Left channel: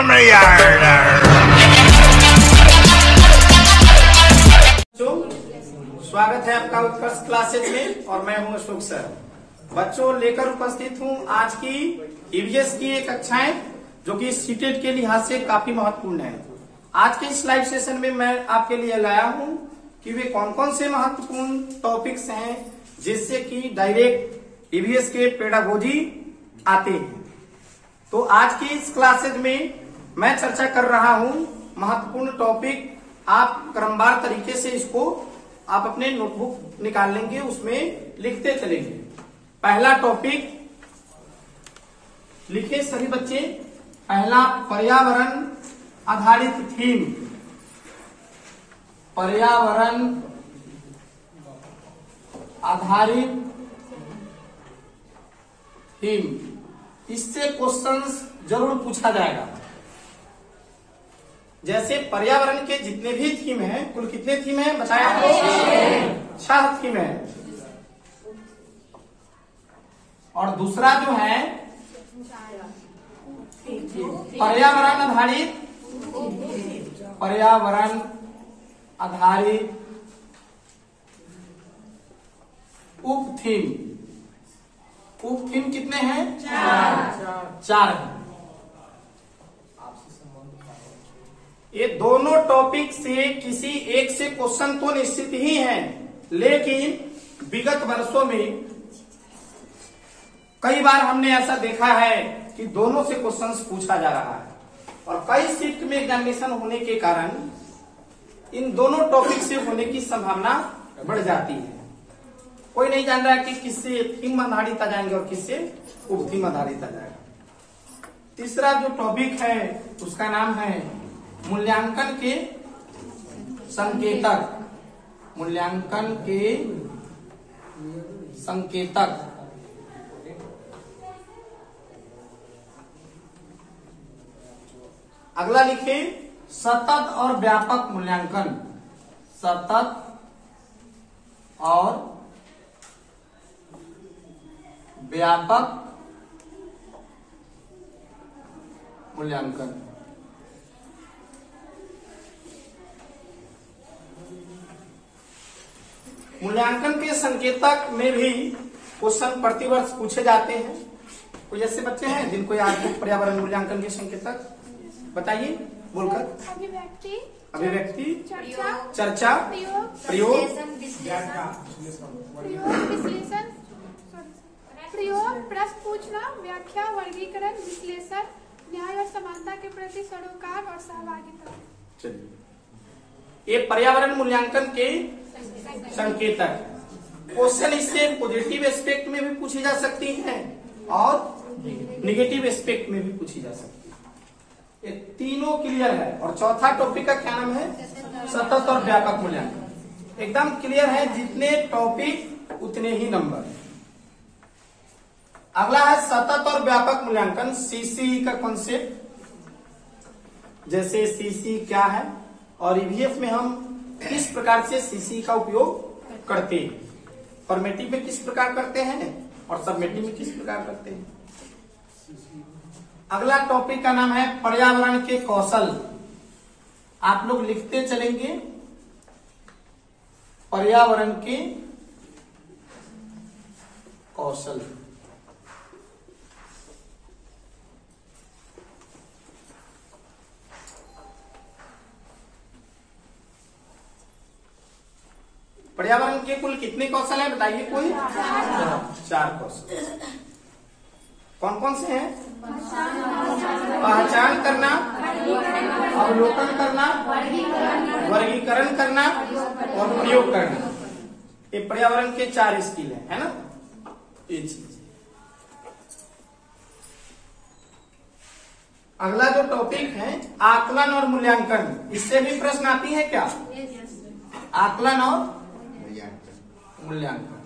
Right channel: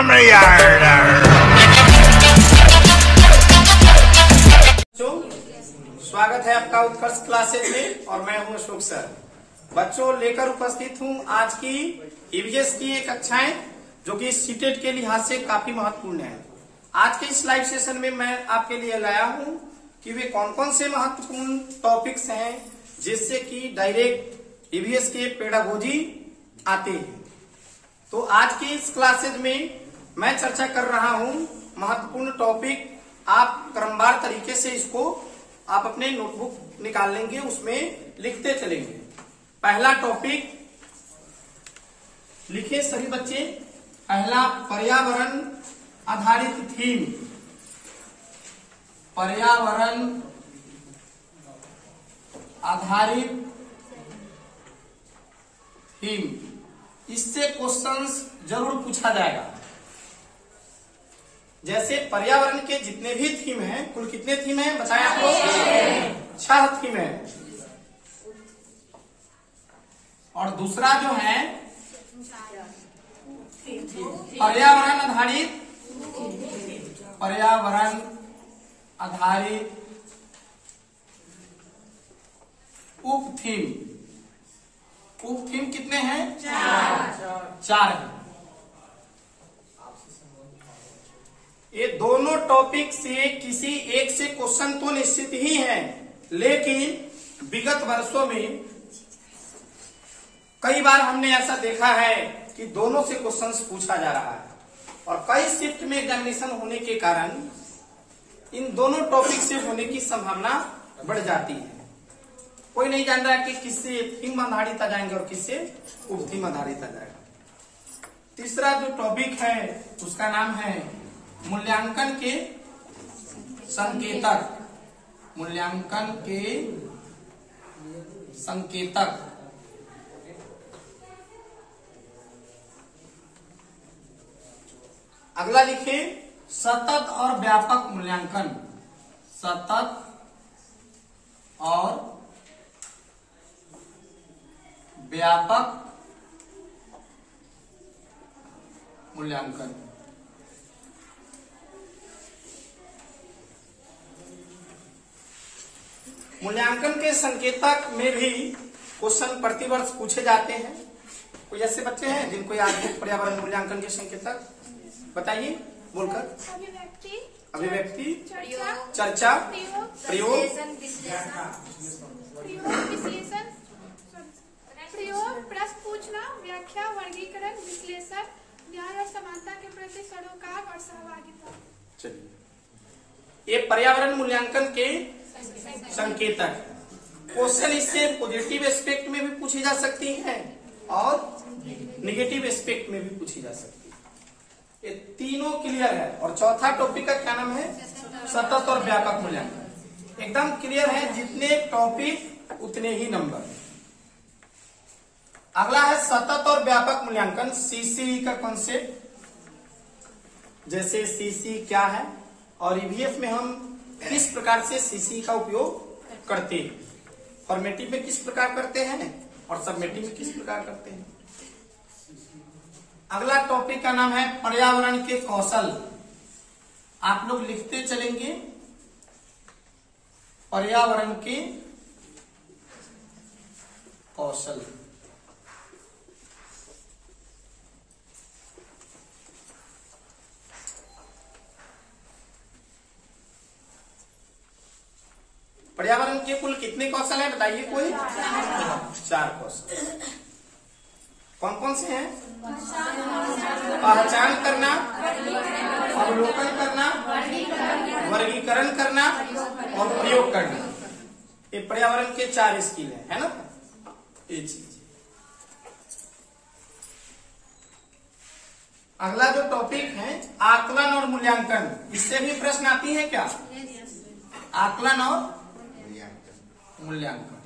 स्वागत है आपका उत्कर्ष क्लासेज में और मैं हूं अशोक सर। बच्चों, लेकर उपस्थित हूं आज की ईवीएस की एक कक्षाएं जो कि सीटेट के लिहाज से काफी महत्वपूर्ण है। आज के इस लाइव सेशन में मैं आपके लिए लाया हूं कि वे कौन कौन से महत्वपूर्ण टॉपिक्स हैं जिससे कि डायरेक्ट ईवीएस के पेडागोजी आते हैं। तो आज की इस क्लासेज में मैं चर्चा कर रहा हूं महत्वपूर्ण टॉपिक। आप क्रमवार तरीके से इसको आप अपने नोटबुक निकाल लेंगे, उसमें लिखते चलेंगे। पहला टॉपिक लिखे सभी बच्चे। पहला, पर्यावरण आधारित थीम। पर्यावरण आधारित थीम, इससे क्वेश्चंस जरूर पूछा जाएगा। जैसे पर्यावरण के जितने भी थीम हैं, कुल कितने थीम हैं बताया आपको? 6 थीम है। और दूसरा जो है पर्यावरण आधारित उप थीम कितने हैं? 4 है। ये दोनों टॉपिक से किसी एक से क्वेश्चन तो निश्चित ही है, लेकिन विगत वर्षों में कई बार हमने ऐसा देखा है कि दोनों से क्वेश्चंस पूछा जा रहा है और कई शिफ्ट में एग्जामिनेशन होने के कारण इन दोनों टॉपिक से होने की संभावना बढ़ जाती है। कोई नहीं जान रहा कि किससे थीम आधारित आ जाएंगे और किससे उप थीम आधारित आ जाएगा। तीसरा जो टॉपिक है उसका नाम है मूल्यांकन के संकेतक। मूल्यांकन के संकेतक। अगला लिखे सतत और व्यापक मूल्यांकन। सतत और व्यापक मूल्यांकन। मूल्यांकन के संकेतक में भी क्वेश्चन प्रतिवर्ष पूछे जाते हैं। कोई ऐसे बच्चे हैं जिनको याद हो पर्यावरण मूल्यांकन के संकेतक? बताइए बोलकर। अभिव्यक्ति, चर्चा, प्रयोग, प्रश्न पूछना, व्याख्या, वर्गीकरण, विश्लेषण, न्याय और समानता के प्रति सरोकार और सहभागिता। चलिए, ये पर्यावरण मूल्यांकन के संकेतक। क्वेश्चन इससे पॉजिटिव एस्पेक्ट में भी पूछी जा सकती हैं और निगेटिव एस्पेक्ट में भी पूछी जा सकती है। ये तीनों क्लियर है। और चौथा टॉपिक का क्या नाम है? सतत और व्यापक मूल्यांकन। एकदम क्लियर है, जितने टॉपिक उतने ही नंबर। अगला है सतत और व्यापक मूल्यांकन, सीसी का कॉन्सेप्ट। जैसे सीसी क्या है और ईवीएस में हम किस प्रकार से सीसी का उपयोग करते हैं, फॉर्मेटिव में किस प्रकार करते हैं और सबमेटिव में किस प्रकार करते हैं। अगला टॉपिक का नाम है पर्यावरण के कौशल। आप लोग लिखते चलेंगे पर्यावरण के कौशल। पर्यावरण के कुल कितने कौशल हैं बताइए कोई? 4 कौशल। कौन कौन से हैं? पहचान करना, अवलोकन करना, वर्गीकरण करना और प्रयोग करना। ये पर्यावरण के 4 स्किल है ना? ये चीज। अगला जो टॉपिक है आकलन और मूल्यांकन, इससे भी प्रश्न आती है क्या? आकलन और मूल्यांकन।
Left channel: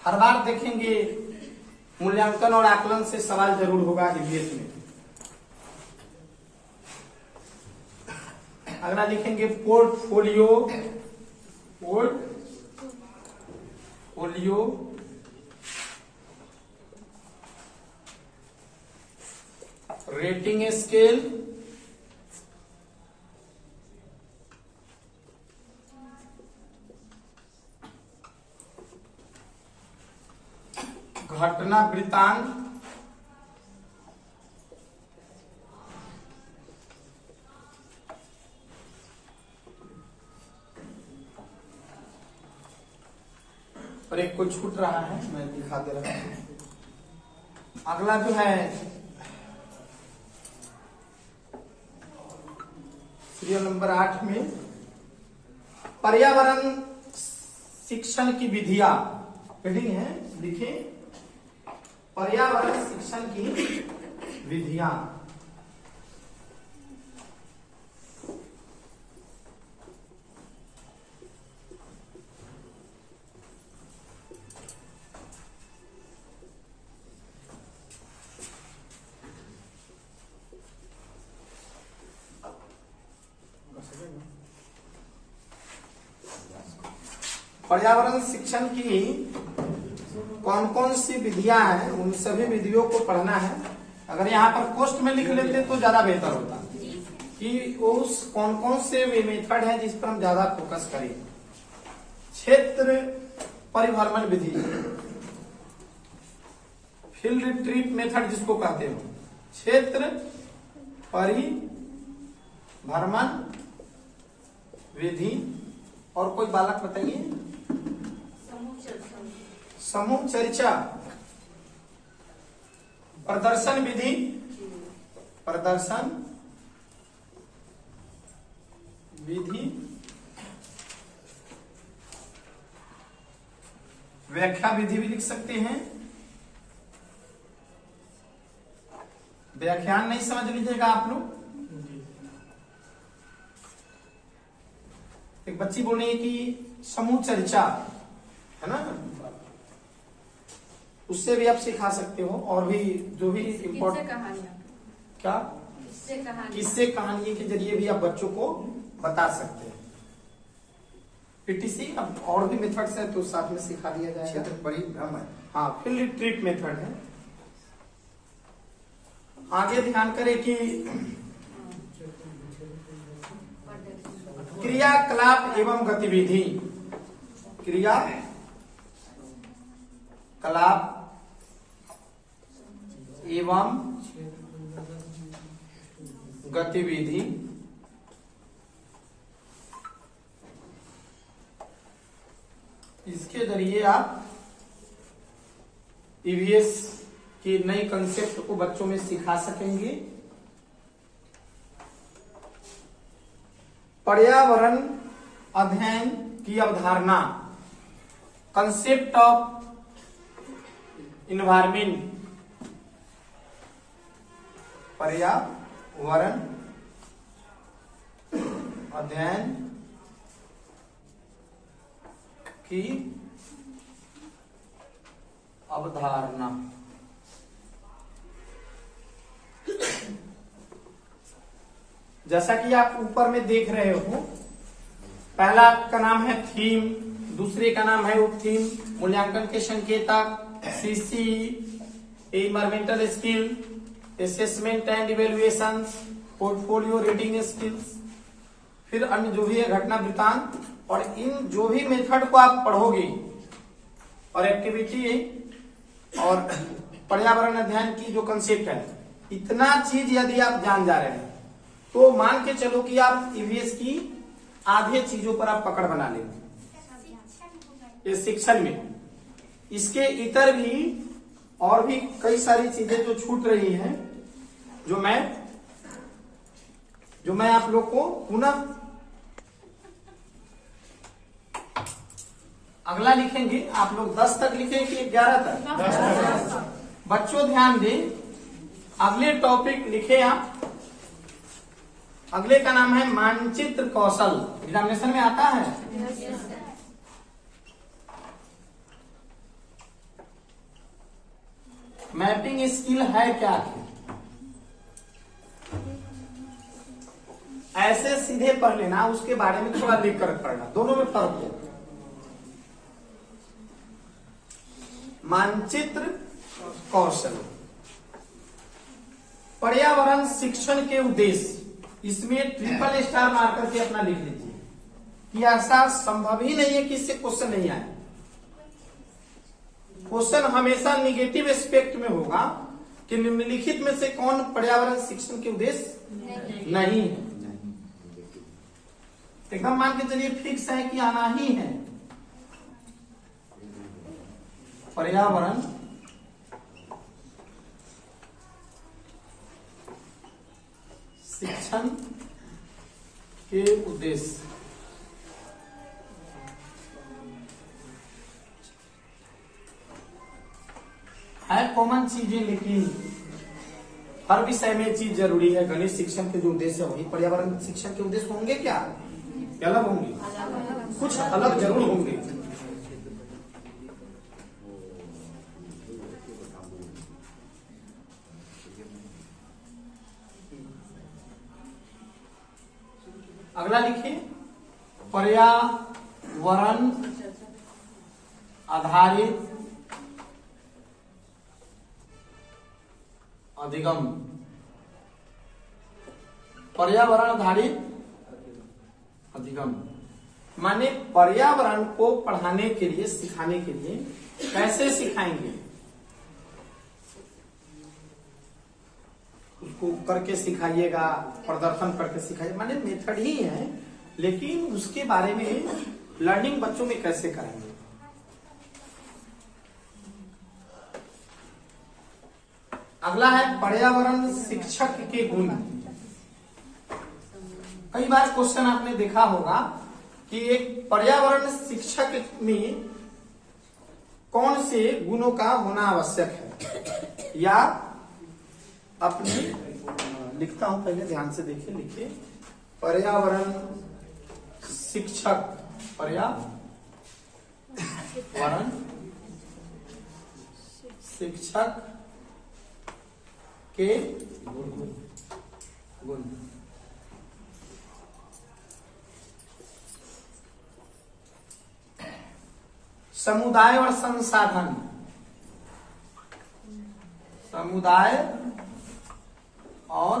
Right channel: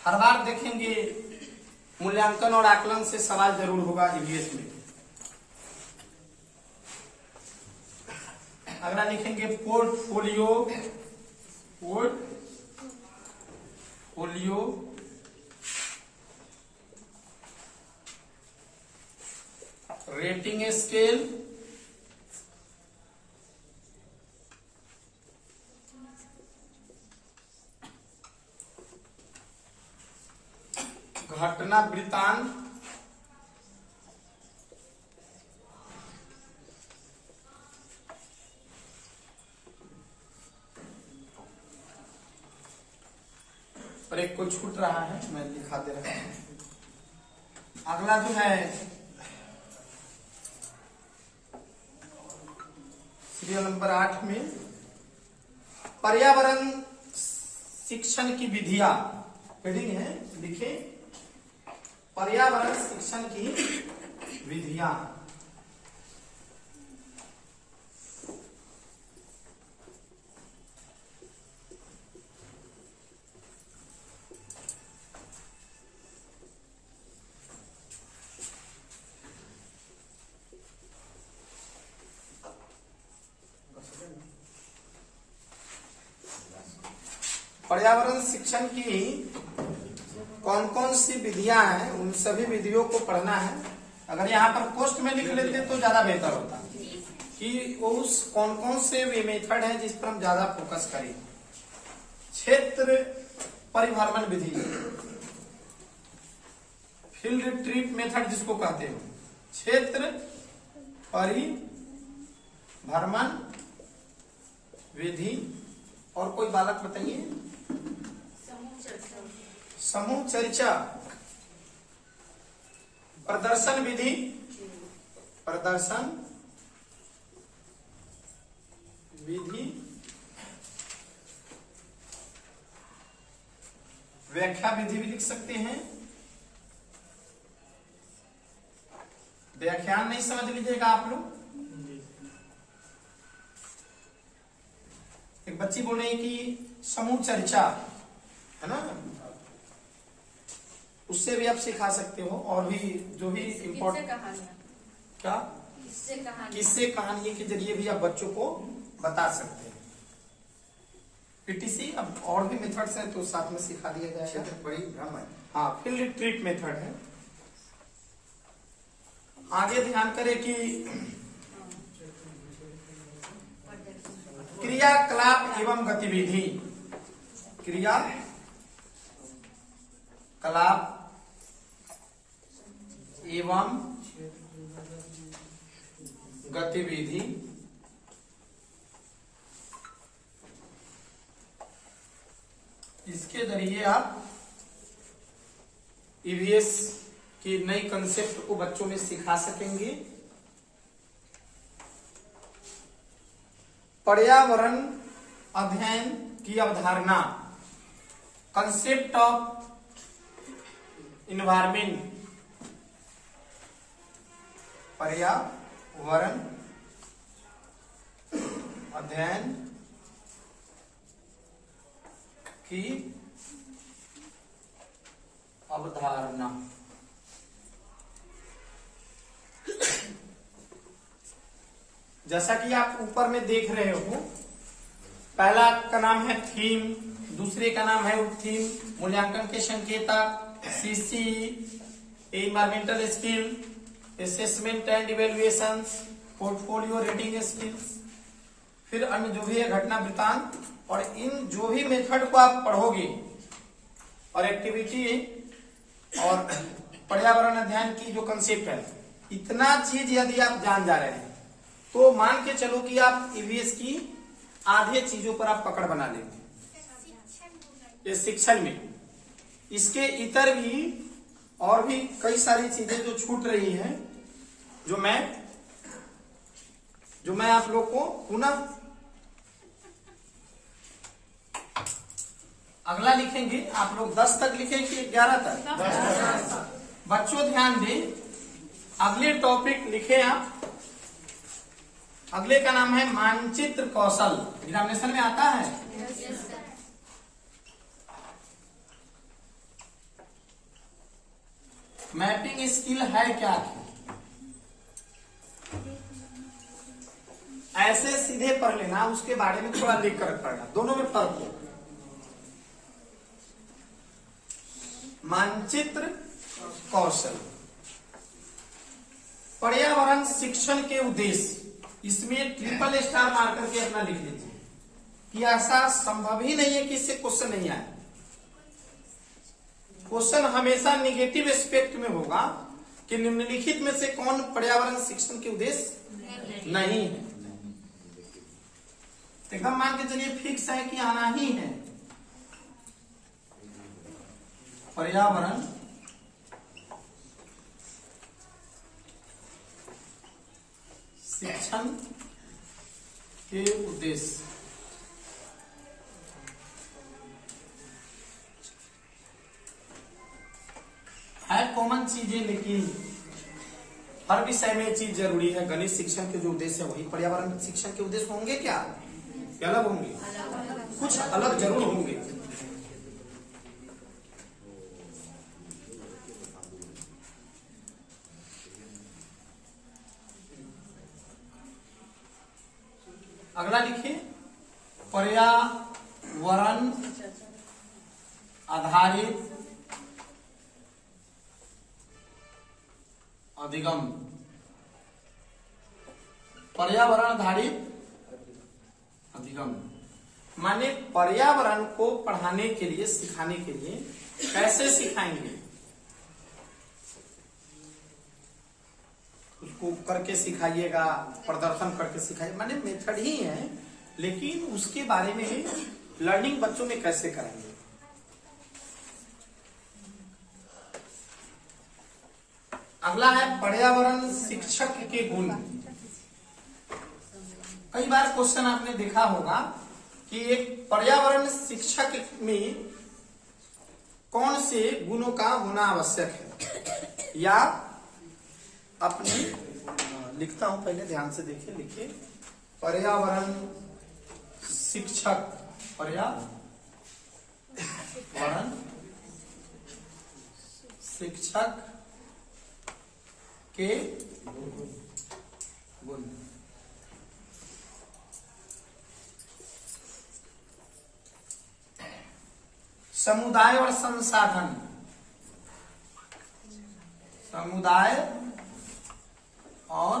हर बार देखेंगे मूल्यांकन और आकलन से सवाल जरूर होगा ईवीएस में। अगला लिखेंगे पोर्टफोलियो। पोलियो रेटिंग स्केल, घटना वृत्तांत, और एक कोई छूट रहा है, मैं दिखा दे रहा हूं। अगला जो है सीरियल नंबर 8 में पर्यावरण शिक्षण की विधियां, हेडिंग है, लिखे पर्यावरण शिक्षण की विधियां। पर्यावरण शिक्षण की कौन कौन सी विधियां हैं, उन सभी विधियों को पढ़ना है। अगर यहाँ पर पोस्ट में लिख लेते तो ज्यादा बेहतर होता कि उस कौन कौन से वे मेथड है जिस पर हम ज्यादा फोकस करें। क्षेत्र परिभ्रमण विधि, फील्ड ट्रिप मेथड जिसको कहते हो, क्षेत्र परिभ्रमण विधि। और कोई बालक बताइए। समूह चर्चा, प्रदर्शन विधि, प्रदर्शन विधि, व्याख्या विधि भी लिख सकते हैं। व्याख्यान नहीं समझ लीजिएगा आप लोग। एक बच्ची बोले कि समूह चर्चा है ना, उससे भी आप सिखा सकते हो। और भी जो भी इम्पोर्टेंट क्या किससे कहानियों के जरिए भी आप बच्चों को बता सकते हैं। पीटीसी अब और भी मेथड्स है तो साथ में सिखा दिया जाएगा। क्षेत्र परिभ्रमण, हाँ, फील्ड ट्रिप मेथड है। आगे ध्यान करें कि क्रियाकलाप एवं गतिविधि, क्रियाकलाप एवं गतिविधि। इसके जरिए आप ईवीएस की नई कंसेप्ट को बच्चों में सिखा सकेंगे। पर्यावरण अध्ययन की अवधारणा, कंसेप्ट ऑफ इन्वायरमेंट, पर्यावरण अध्ययन की अवधारणा। जैसा कि आप ऊपर में देख रहे हो, पहला का नाम है थीम, दूसरे का नाम है उप थीम, मूल्यांकन के संकेतक, CC, environmental skill, assessment and evaluation, portfolio reading skills, फिर अन्य जो भी है घटना वृत्तांत। और इन जो भी मेथड को आप पढ़ोगे और एक्टिविटी और पर्यावरण अध्ययन की जो कंसेप्ट है, इतना चीज यदि आप जान जा रहे हैं तो मान के चलो कि आप ईवीएस की आधे चीजों पर आप पकड़ बना लेते। ये शिक्षण में इसके इतर भी और भी कई सारी चीजें जो छूट रही हैं, जो मैं आप लोग को पुनः अगला लिखेंगे। आप लोग 10 तक लिखेंगे कि 11 तक? 10। बच्चों ध्यान दें, अगले टॉपिक लिखे आप। अगले का नाम है मानचित्र कौशल। एग्जामिनेशन में आता है। मैपिंग स्किल है क्या? ऐसे सीधे पढ़ लेना, उसके बारे में थोड़ा लिख कर पढ़ना, दोनों में फर्क है। मानचित्र कौशल। पर्यावरण शिक्षण के उद्देश्य, इसमें ट्रिपल स्टार मार करके अपना लिख लीजिए कि ऐसा संभव ही नहीं है कि इससे क्वेश्चन नहीं आए। क्वेश्चन हमेशा निगेटिव एस्पेक्ट में होगा कि निम्नलिखित में से कौन पर्यावरण शिक्षण के उद्देश्य नहीं है। एकदम मान के चलिए फिक्स है कि आना ही है। पर्यावरण शिक्षण के उद्देश्य, है कॉमन चीजें, लेकिन हर विषय में चीज जरूरी है। गणित शिक्षण के जो उद्देश्य है वही पर्यावरण शिक्षण के उद्देश्य होंगे क्या अलग होंगे? कुछ अलग जरूर होंगे। अगला लिखिए, पर्यावरण आधारित अधिगम। पर्यावरण आधारित अधिगम माने पर्यावरण को पढ़ाने के लिए, सिखाने के लिए कैसे सिखाएंगे? उसको करके सिखाइएगा, प्रदर्शन करके सिखाइए, माने मेथड ही है, लेकिन उसके बारे में लर्निंग बच्चों में कैसे कराएंगे। अगला है पर्यावरण शिक्षक के गुण। कई बार क्वेश्चन आपने देखा होगा कि एक पर्यावरण शिक्षक में कौन से गुणों का होना आवश्यक है, या अपने लिखता हूं, पहले ध्यान से देखिए, लिखिए पर्यावरण शिक्षक, पर्यावरण शिक्षक के गुण। समुदाय और संसाधन, समुदाय और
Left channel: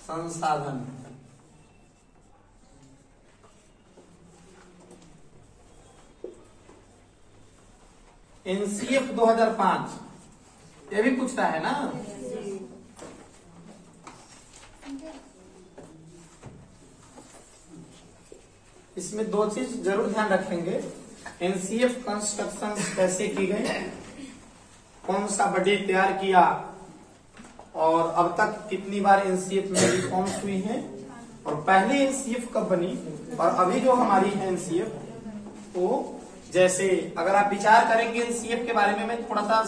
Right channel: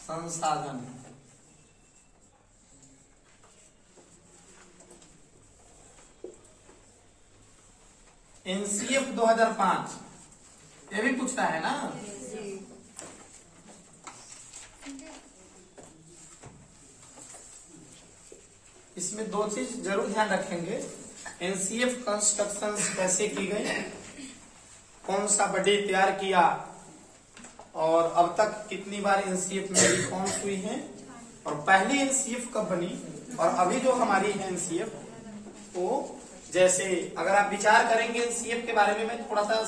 संसाधन। एनसीएफ 2005 ये भी पूछता है ना। इसमें दो चीज जरूर ध्यान रखेंगे, एनसीएफ कंस्ट्रक्शन कैसे की गई, कौन सा बॉडी तैयार किया, और अब तक कितनी बार एनसीएफ में रिफॉर्म्स हुई हैं, और पहली एनसीएफ कब बनी, और अभी जो हमारी एनसीएफ वो, जैसे अगर आप विचार करेंगे एनसीएफ के बारे में, मैं थोड़ा सा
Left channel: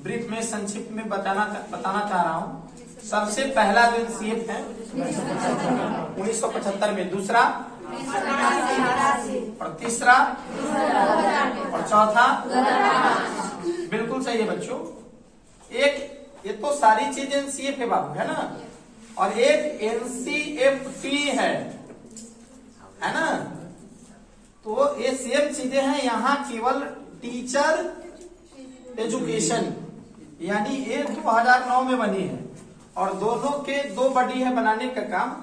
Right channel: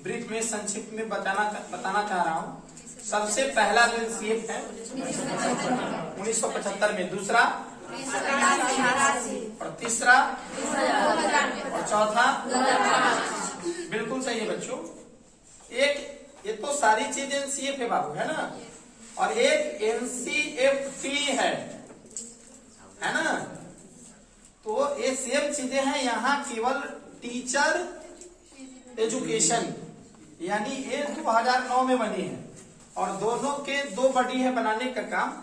ब्रीफ में संक्षिप्त में बताना चाह रहा हूँ। सबसे पहला जो एनसीएफ है 1975 में, दूसरा और तीसरा और चौथा, बिल्कुल सही है बच्चों। एक ये तो सारी चीज एनसीएफ है बाबू, है ना, और एक एनसीएफटी है ना। तो ये सेम चीजें हैं, यहाँ केवल टीचर एजुकेशन, यानी ये 2009 में बनी है, और दोनों के दो बॉडी है बनाने का काम।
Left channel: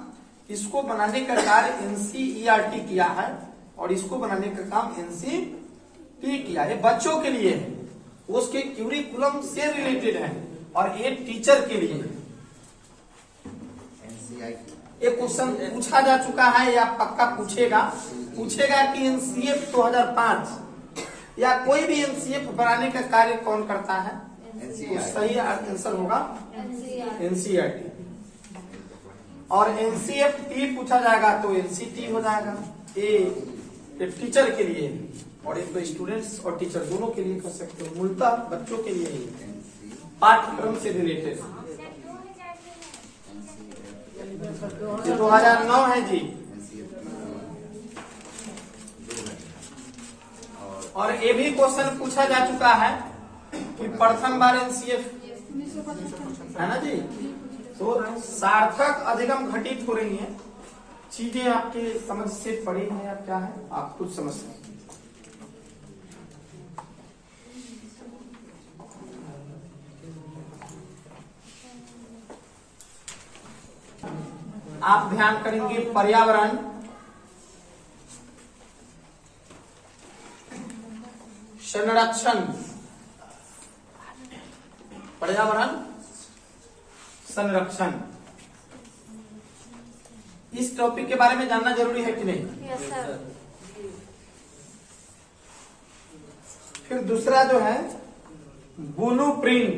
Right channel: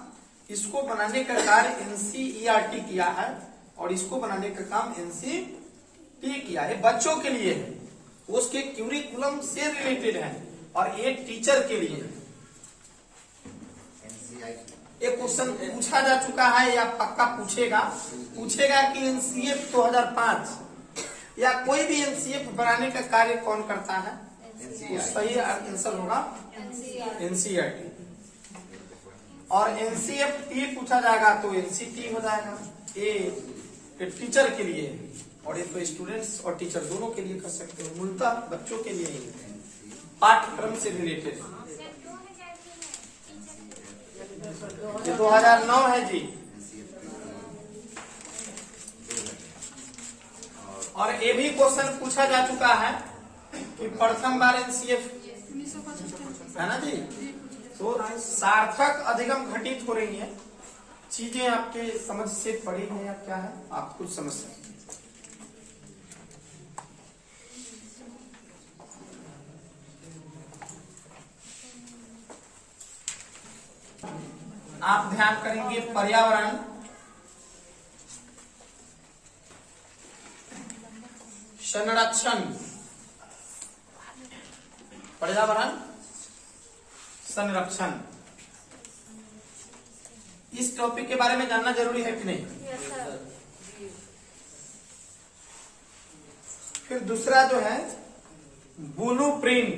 इसको बनाने का कार्य एनसीईआरटी किया है, और इसको बनाने का काम एनसीटी किया है। बच्चों के लिए है, उसके क्यूरिकुलम से रिलेटेड है, और ये टीचर के लिए। एक क्वेश्चन पूछा जा चुका है या पक्का पूछेगा कि एनसीएफ 2005 या कोई भी एनसीएफ बनाने का कार्य कौन करता है, तो सही आंसर होगा एनसीईआरटी। और एनसीएफटी पूछा जाएगा तो एनसीटी हो जाएगा। ये टीचर के लिए, और ये तो स्टूडेंट्स और टीचर दोनों के लिए कर सकते हो, मूलतः बच्चों के लिए ही, पाठ्यक्रम से रिलेटेड। 2009 है जी। और ये भी क्वेश्चन पूछा जा चुका है कि प्रथम बार एनसीएफ है ना जी। तो सार्थक अधिगम घटित हो रही हैं, चीजें आपके समझ से पड़ी हैं या क्या है, आप कुछ समझ सकते हैं। आप ध्यान करेंगे पर्यावरण संरक्षण। पर्यावरण संरक्षण, इस टॉपिक के बारे में जानना जरूरी है कि नहीं? Yes sir. फिर दूसरा जो है ब्लू प्रिंट,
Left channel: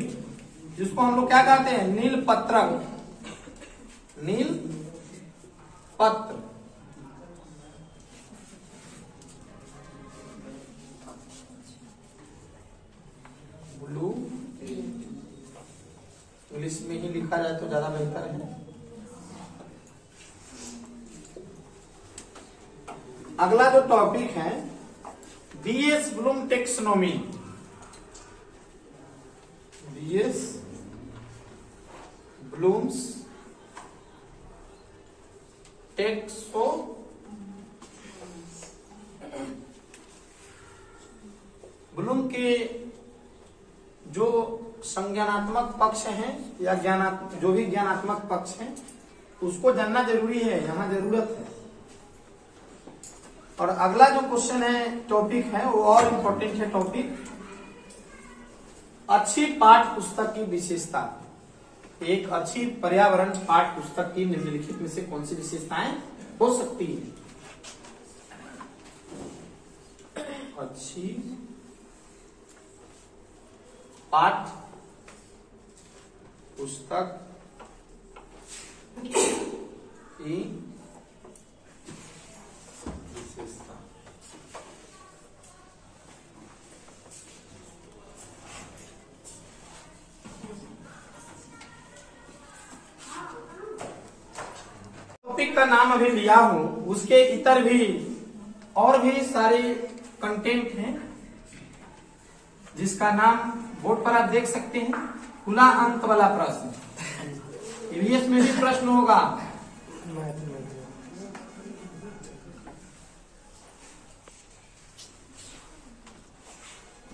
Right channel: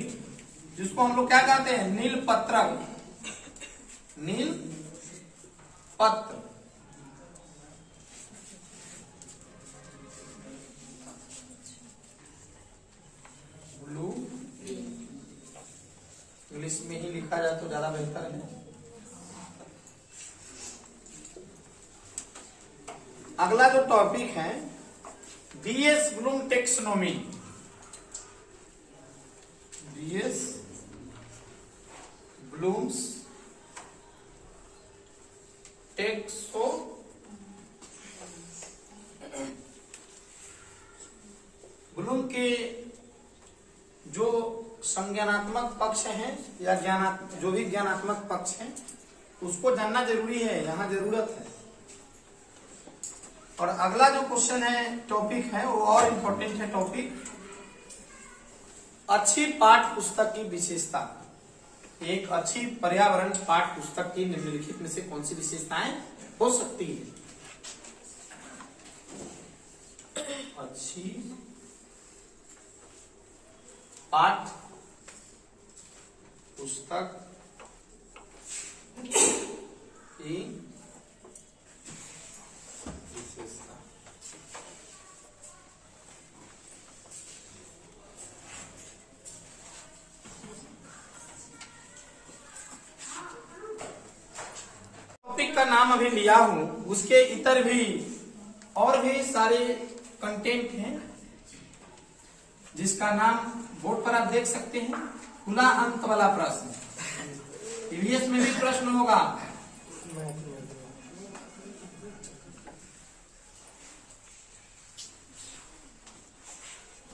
जिसको हम लोग क्या कहते हैं? नील पत्रक। नील पत्र। ब्लू, इंग्लिश में ही लिखा जाए तो ज्यादा बेहतर है। अगला जो टॉपिक है BS Bloom taxonomy. BS Bloom's टेक्सो ब्लूम के जो संज्ञानात्मक पक्ष हैं या जो भी ज्ञानात्मक पक्ष हैं उसको जानना जरूरी है, यहाँ जरूरत है। और अगला जो क्वेश्चन है, टॉपिक है, वो और इम्पोर्टेंट है टॉपिक, अच्छी पाठ्य पुस्तक की विशेषता। एक अच्छी पर्यावरण पाठ्य पुस्तक की निम्नलिखित में से कौन सी विशेषताएं हो सकती है? अच्छी पाठ्य पुस्तक की विशेषता। टॉपिक का नाम अभी लिया हूं, उसके इतर भी और भी सारे कंटेंट हैं जिसका नाम बोर्ड पर आप देख सकते हैं। खुला अंत वाला प्रश्न, ईवीएस में भी प्रश्न होगा।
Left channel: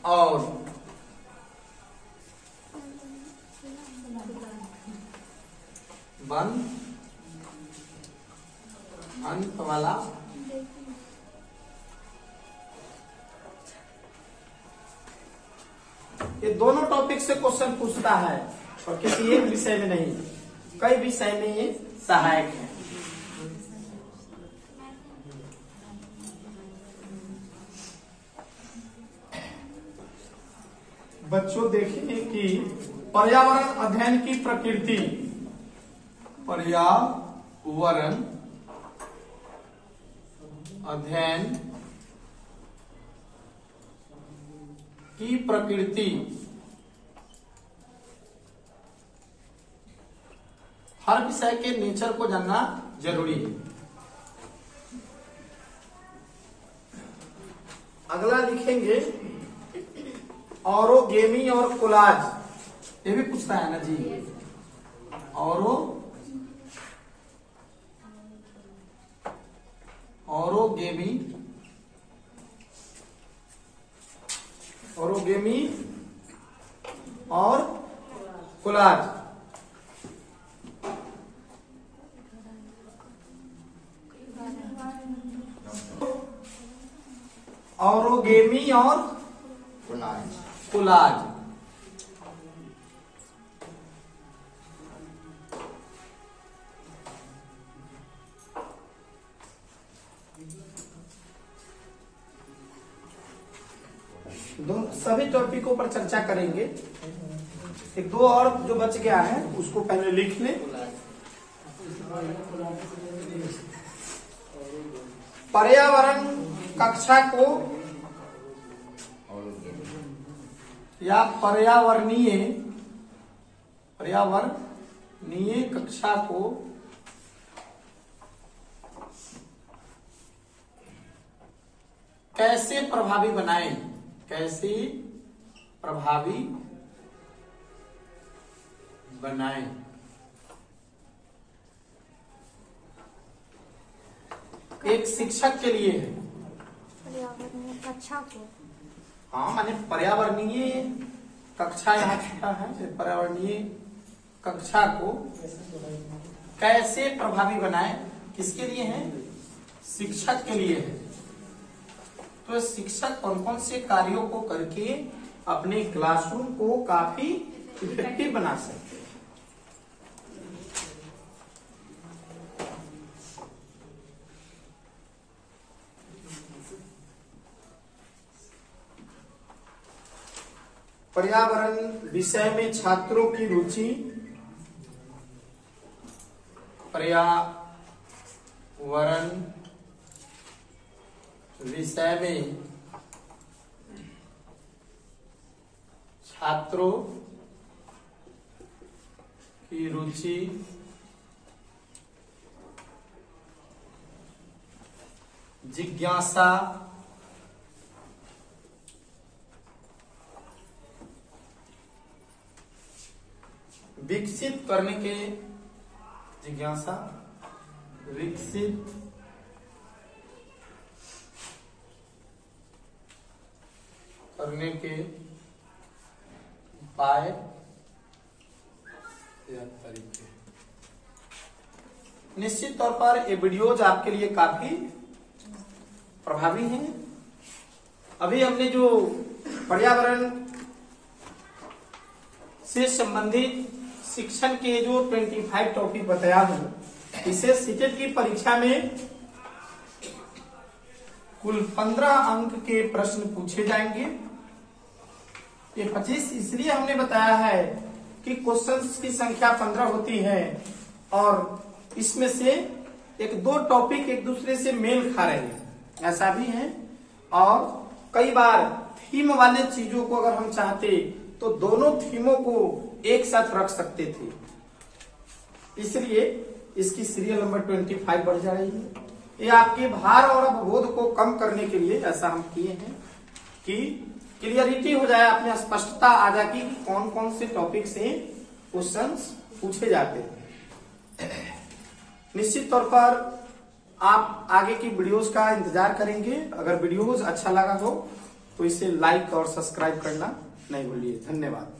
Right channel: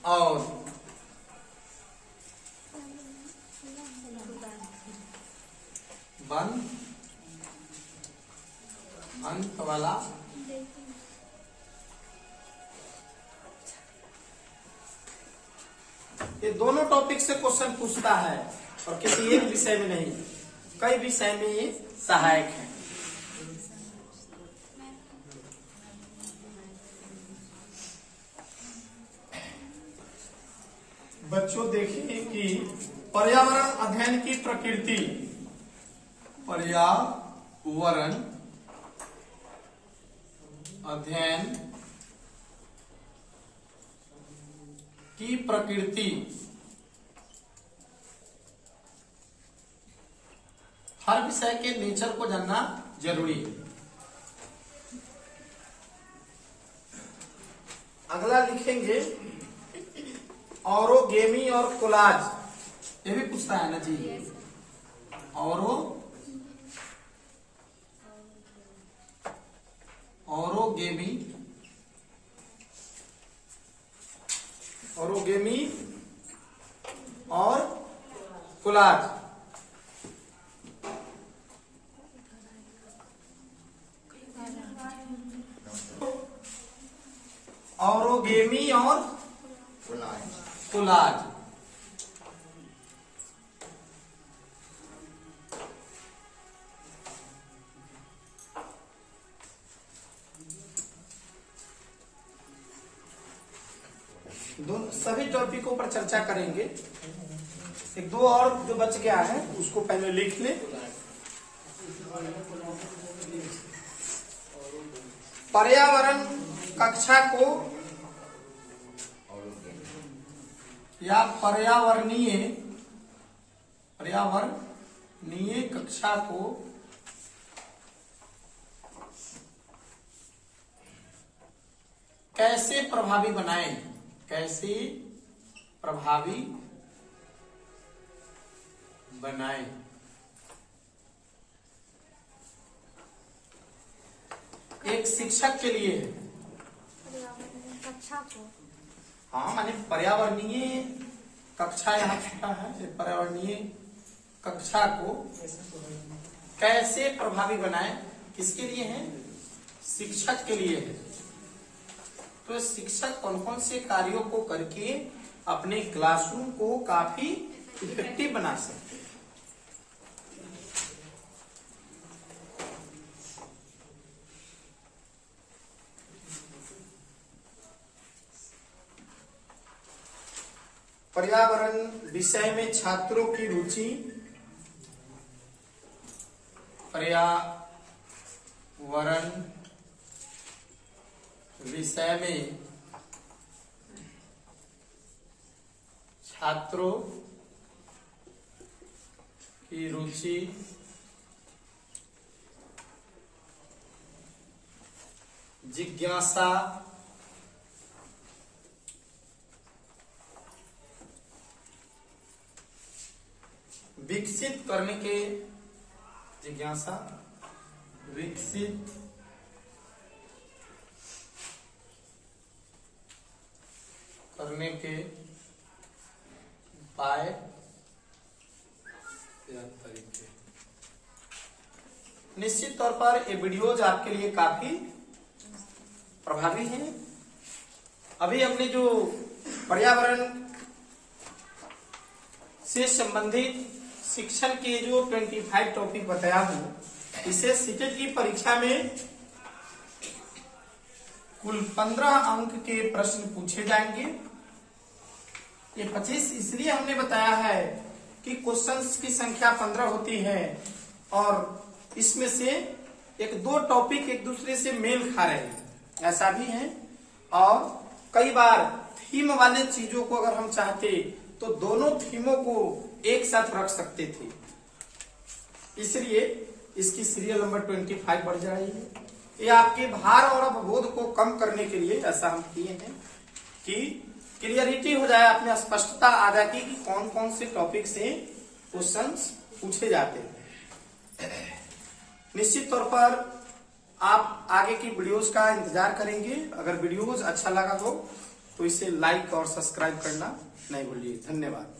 और बंद अंत वाला ये दोनों टॉपिक से क्वेश्चन पूछता है और किसी एक विषय में नहीं, कई विषय में ये सहायक है। बच्चों देखिए कि पर्यावरण अध्ययन की प्रकृति, पर्यावरण अध्ययन की प्रकृति हर विषय के नेचर को जानना जरूरी है। अगला लिखेंगे ऑरोगेमी और कोलाज, ये भी पूछता है ना जी। ऑरोगेमी और कोलाज। ऑरोगेमी और कोलाज। सभी टॉपिकों पर चर्चा करेंगे। एक दो और जो बच गया है उसको पहले लिख लें। पर्यावरण कक्षा को या पर्यावरणीय कक्षा को कैसे प्रभावी बनाएं, कैसे प्रभावी बनाएं। एक शिक्षक के लिए है। पर्यावरणीय कक्षा को, हाँ माने पर्यावरणीय कक्षा यहाँ छुटा है, पर्यावरणीय कक्षा को कैसे प्रभावी बनाए, किसके लिए है? शिक्षक के लिए है। तो शिक्षक कौन कौन से कार्यों को करके अपने क्लासरूम को काफी इफेक्टिव बना सकते हैं। पर्यावरण विषय में छात्रों की रुचि, पर्यावरण विषय में छात्रों की रुचि जिज्ञासा विकसित करने के, जिज्ञासा विकसित करने के उपाय या तरीके। निश्चित तौर पर ये वीडियोज आपके लिए काफी प्रभावी हैं। अभी हमने जो पर्यावरण से संबंधित शिक्षण के जो 25 टॉपिक बताया हूं, इसे सीटेट की परीक्षा में कुल 15 अंक के प्रश्न पूछे जाएंगे। ये 25 इसलिए हमने बताया है कि क्वेश्चंस की संख्या 15 होती है और इसमें से एक दो टॉपिक एक दूसरे से मेल खा रहे हैं, ऐसा भी है। और कई बार थीम वाले चीजों को अगर हम चाहते तो दोनों थीमों को एक साथ रख सकते थे, इसलिए इसकी सीरियल नंबर 25 बढ़ जा रही है। ये आपके भार और अवबोध को कम करने के लिए ऐसा हम किए हैं कि क्लियरिटी हो जाए, अपनी स्पष्टता आ जाए कि कौन कौन से टॉपिक से क्वेश्चंस पूछे जाते हैं। निश्चित तौर पर आप आगे की वीडियोस का इंतजार करेंगे। अगर वीडियोस अच्छा लगा हो तो इसे लाइक और सब्सक्राइब करना नहीं भूलिए। धन्यवाद।